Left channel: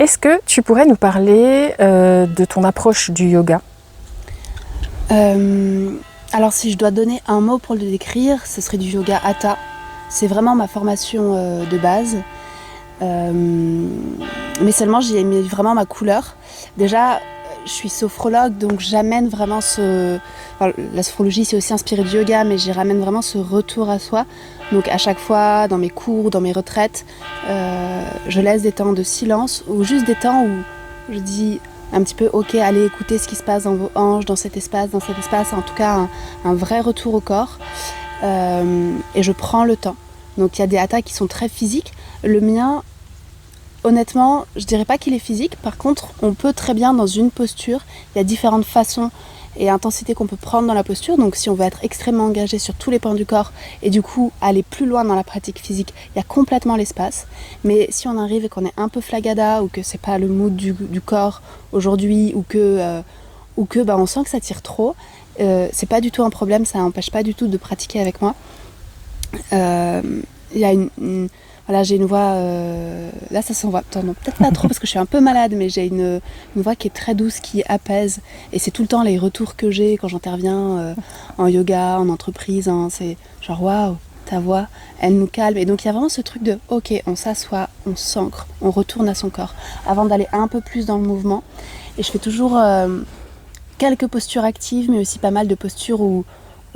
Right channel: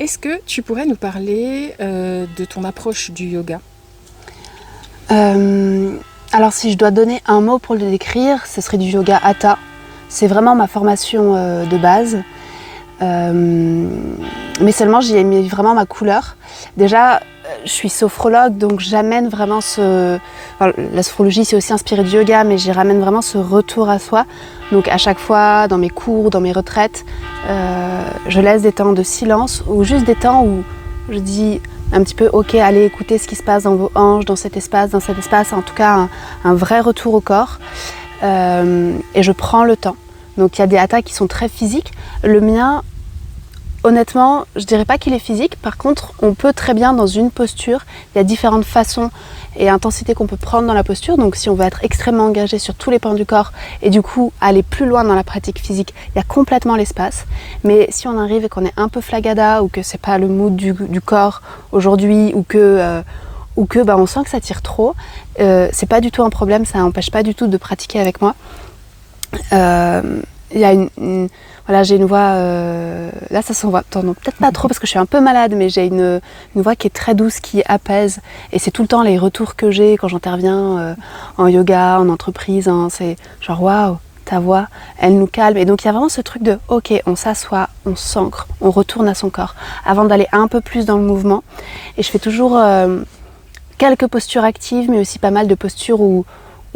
Est-ce que tu pourrais nous parler de ton approche du yoga ? Alors si je dois donner un mot pour le décrire, ce serait du yoga hatha. C'est vraiment ma formation de base. Mais seulement j'y ai mis vraiment ma couleur. Déjà, je suis sophrologue, donc j'amène vraiment la sophrologie, c'est aussi inspiré du yoga, mais j'y ramène vraiment ce retour à soi. Donc à chaque fois, dans mes cours, dans mes retraites, je laisse des temps de silence ou juste des temps où je dis un petit peu « Ok, allez écouter ce qui se passe dans vos hanches, dans cet espace, en tout cas un vrai retour au corps. Et je prends le temps. Donc il y a des hatha qui sont très physiques. Le mien, honnêtement, je dirais pas qu'il est physique. Par contre, on peut très bien dans une posture, il y a différentes façons et intensités qu'on peut prendre dans la posture. Donc si on veut être extrêmement engagé sur tous les pans du corps et du coup aller plus loin dans la pratique physique, il y a complètement l'espace. Mais si on arrive et qu'on est un peu flagada ou que c'est pas le mood du corps aujourd'hui ou que on sent que ça tire trop, c'est pas du tout un problème, ça n'empêche pas du tout de pratiquer avec moi. Il y a voilà, j'ai une voix, là ça s'en voit, peut-être pas trop parce que je suis un peu malade, mais j'ai une voix qui est très douce, qui apaise, et c'est tout le temps les retours que j'ai quand j'interviens en yoga, en entreprise, hein, c'est genre waouh, ta voix, elle nous calme, et donc il y a vraiment ce truc de ok, on s'assoit, on s'ancre, on retourne à son corps, avant d'aller un peu plus dans le mouvement, et je fais toujours quelques postures actives, mais aussi pas mal de postures où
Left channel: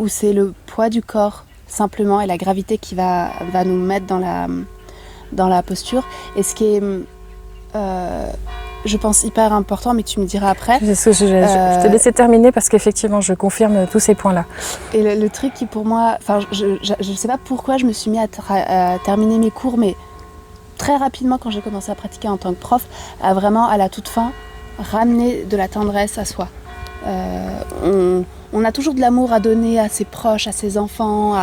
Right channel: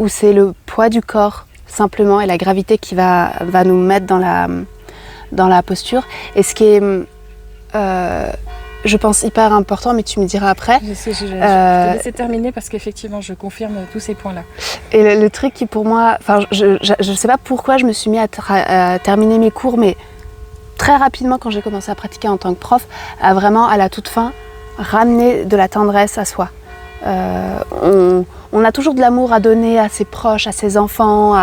c'est le poids du corps simplement et la gravité qui va nous mettre dans la posture. Et ce qui est, je pense, hyper important, mais tu me diras après. Je te laisse terminer parce qu'effectivement, je confirme tous ces points-là. Et le truc qui pour moi, je ne sais pas pourquoi je me suis mis à terminer mes cours, mais très rapidement quand j'ai commencé à pratiquer en tant que prof, à vraiment à la toute fin, ramener de la tendresse à soi. On a toujours de l'amour à donner à ses proches, à ses enfants,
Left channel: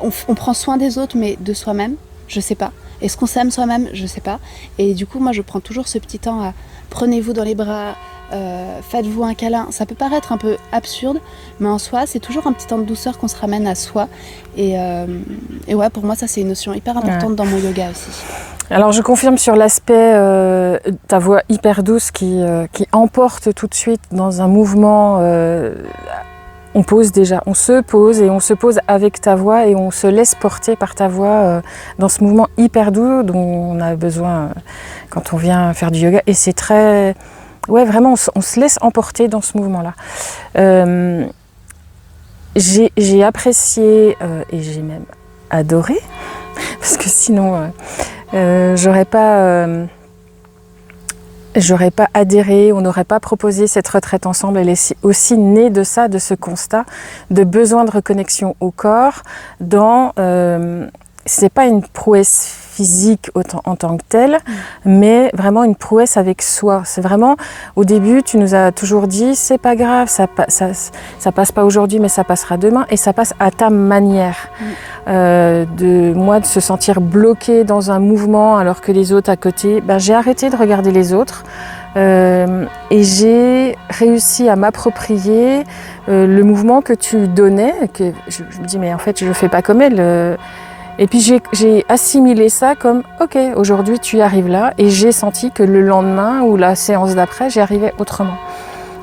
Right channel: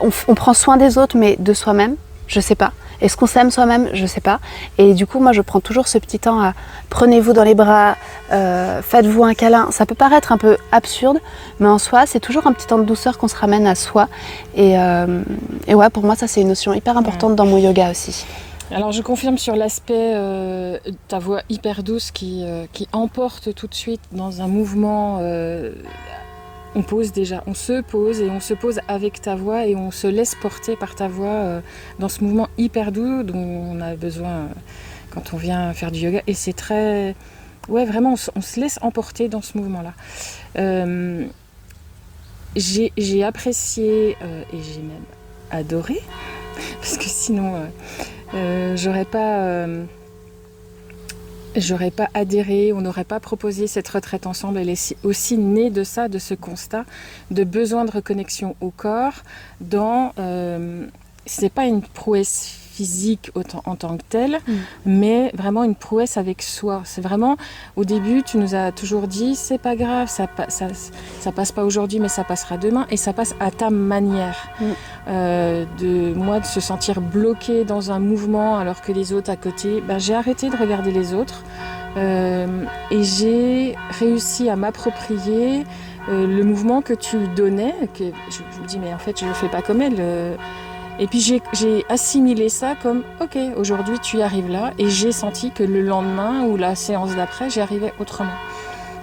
on prend soin des autres, mais de soi-même, je sais pas. Est-ce qu'on s'aime soi-même? Je sais pas. Et du coup, moi, je prends toujours ce petit temps à prenez-vous dans les bras, faites-vous un câlin. Ça peut paraître un peu absurde, mais en soi, c'est toujours un petit temps de douceur qu'on se ramène à soi. Et ouais, pour moi, ça, c'est une notion hyper importante dans mon yoga aussi. Alors je confirme sur l'aspect ta voix hyper douce qui emporte tout de suite dans un mouvement. On se pose avec ta voix et on se laisse porter par ta voix dans ce mouvement hyper doux dont on a besoin quand on vient faire du yoga. Et c'est très... Ouais, vraiment, on se laisse emporter dans ce mouvement-là. J'ai apprécié et j'ai même adoré, parce que sinon... j'aurais pas adhéré, on n'aurait pas proposé cette retraite ensemble. Elle est aussi née de ça, de ce constat de besoin de reconnexion au corps c'est pas une prouesse physique en tant que telle, mais vraiment une prouesse avec soi. C'est vraiment, au début, tu nous as toujours dit, c'est pas grave, ça passe pas aujourd'hui, mais ça passera demain, et ça passe à ta manière. De se sentir bloquée dans un mouvement alors que les autres à côté, j'ai arrêté de regarder les autres et j'ai réussi à m'approprier le mouvement que tu donnais, que je me dis mais en fait je le fais pas comme elle. Et puis j'ai assimilé ça comme ok, aujourd'hui tu y arrives là, et j'ai senti que le lendemain ou la séance d'après j'y arrivais autrement.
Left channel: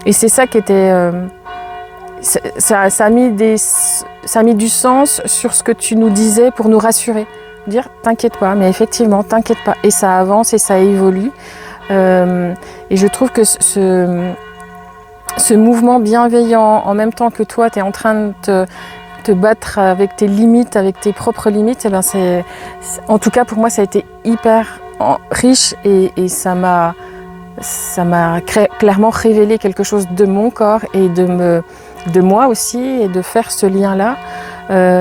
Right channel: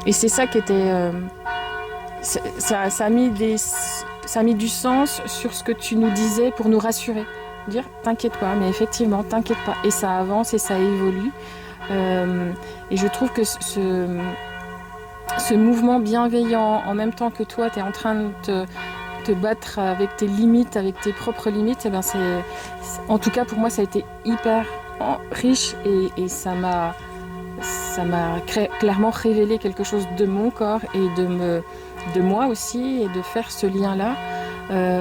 Et c'est ça qui était ça a mis du sens sur ce que tu nous disais pour nous rassurer. Dire t'inquiète pas, mais effectivement t'inquiète pas. Et ça avance et ça évolue. Et je trouve que ce mouvement bienveillant, en même temps que toi t'es en train de te battre avec tes limites, avec tes propres limites, en tout cas pour moi ça a été hyper riche et ça m'a clairement révélé quelque chose de mon corps et de moi aussi, et de faire ce lien-là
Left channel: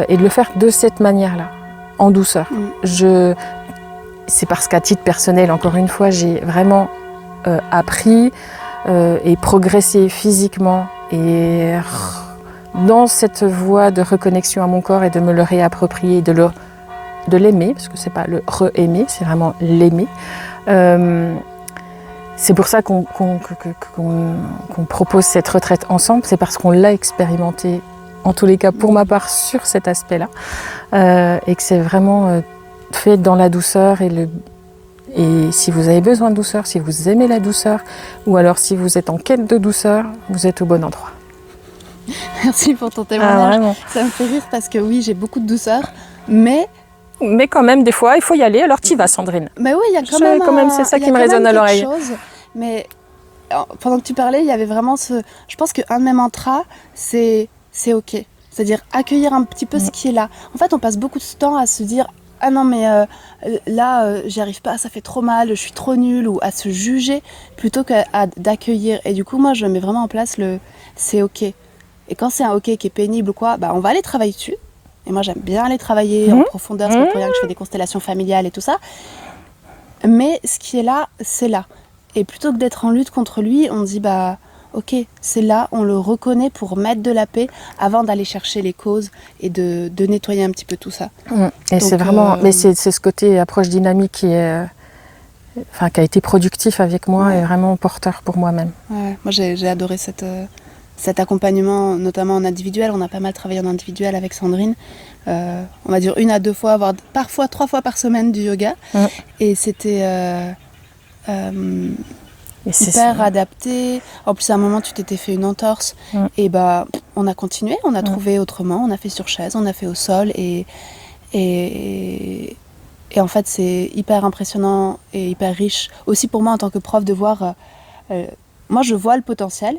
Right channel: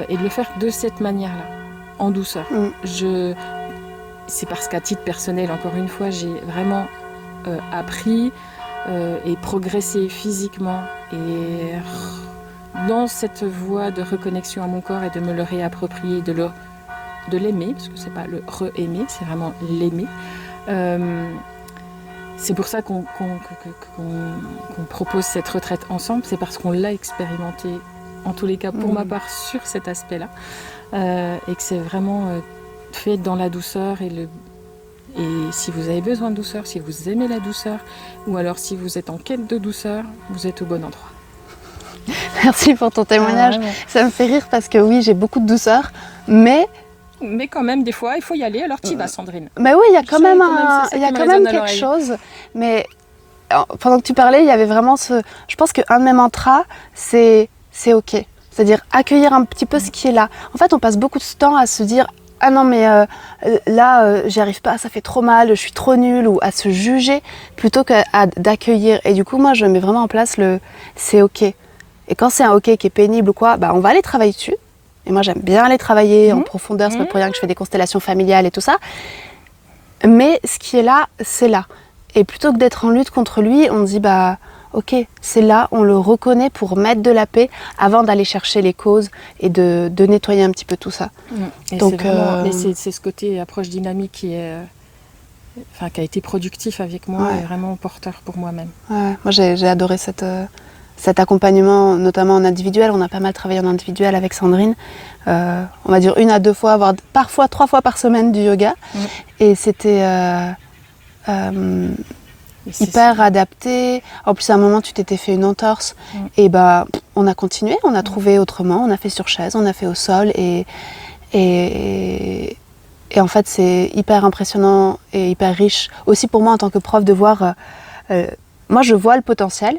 et de le faire de cette manière-là, en douceur. C'est parce qu'à titre personnel, encore une fois, j'ai vraiment appris et progressé physiquement et dans cette voie de reconnexion à mon corps et de me le réapproprier, de l'aimer, parce que c'est pas le re-aimer, c'est vraiment l'aimer. C'est pour ça qu'on propose cette retraite ensemble, c'est parce qu'on l'a expérimenté, en tous les cas pour ma part, sur cet aspect-là, et que c'est vraiment fait dans la douceur et Et si vous avez besoin de douceur, si vous aimez la douceur, ou alors si vous êtes en quête de douceur, vous êtes au bon endroit. Merci pour ton témoignage. Ça me fait rire parce que oui, j'ai beaucoup de douceur, mais quand même, des fois, il faut y aller. Alors t'y vas, Sandrine. Mais oui, il y a quand même c'est ça qui me résonne à l'oreille. Mais pendant que tu parlais, il y avait vraiment ce... Je pense qu'un de mes mantras, c'est OK. C'est-à-dire accueillir un petit peu ce qui est là. En fait, on passe beaucoup de temps à se dire « Ah non, mais là, j'y arrive pas, ça fait trop mal, je suis trop nulle » ou à se juger plutôt qu'à d'accueillir. Et du coup, moi, je mets vraiment en place le « c'est OK ». Et quand c'est un OK qui est pénible ou quoi, on va aller travailler dessus. Et moi, j'aime bien aller travailler en profondeur. C'est pas pour rien que je fais des constellations familiales et tout ça. Mais ce qui est là, c'est là. Et plutôt que d'être en lutte contre lui, on dit OK, c'est là, on le reconnaît pour mettre de la paix avant d'aller chercher les causes et de nettoyer un petit peu tout ça. Et donc, c'est vraiment, mais c'est ce côté approche dynamique qui a été productif avec moi et vraiment porteur pour moi-même. Ouais, moi, j'ai adoré cet accompagnement, notamment en individuel. On a pas mal travaillé en individuel avec Sandrine. On va dire 1 à 2 fois, voire parfois 3 fois par semaine du yoga. Et c'était hyper adapté. En plus, à un moment, tu t'étais fait une entorse. Et on a continué, on a trouvé autrement. On a fait sur chaise, on a fait au sol. Et en fait, c'est hyper impressionnant et hyper riche. Aussi pour moi, en tant que prof, de voir... moi, je vois le potentiel.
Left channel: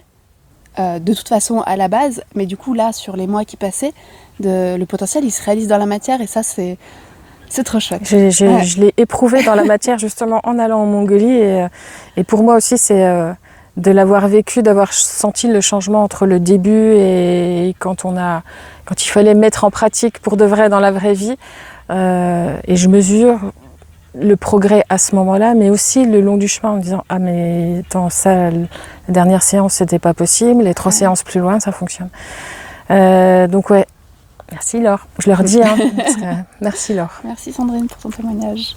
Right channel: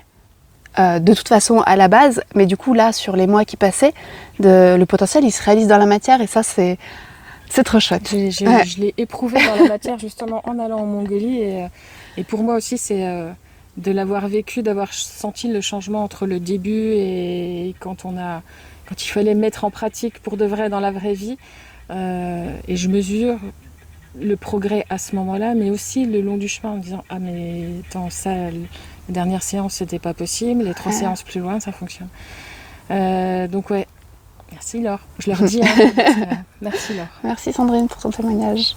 De toute façon à la base, mais du coup là sur les mois qui passaient, le potentiel il se réalise dans la matière et ça c'est trop chouette. Je l'ai éprouvé dans la matière justement en allant en Mongolie et pour moi aussi c'est de l'avoir vécu, d'avoir senti le changement entre le début et quand il fallait mettre en pratique pour de vrai dans la vraie vie et je mesure le progrès à ce moment-là, mais aussi le long du chemin en me disant « Ah mais attends, ça, la dernière séance, c'était pas possible, les 3 séances plus loin, ça fonctionne. » Donc ouais, merci Laure. Je leur dis, merci Laure. Merci Sandrine pour ton témoignage.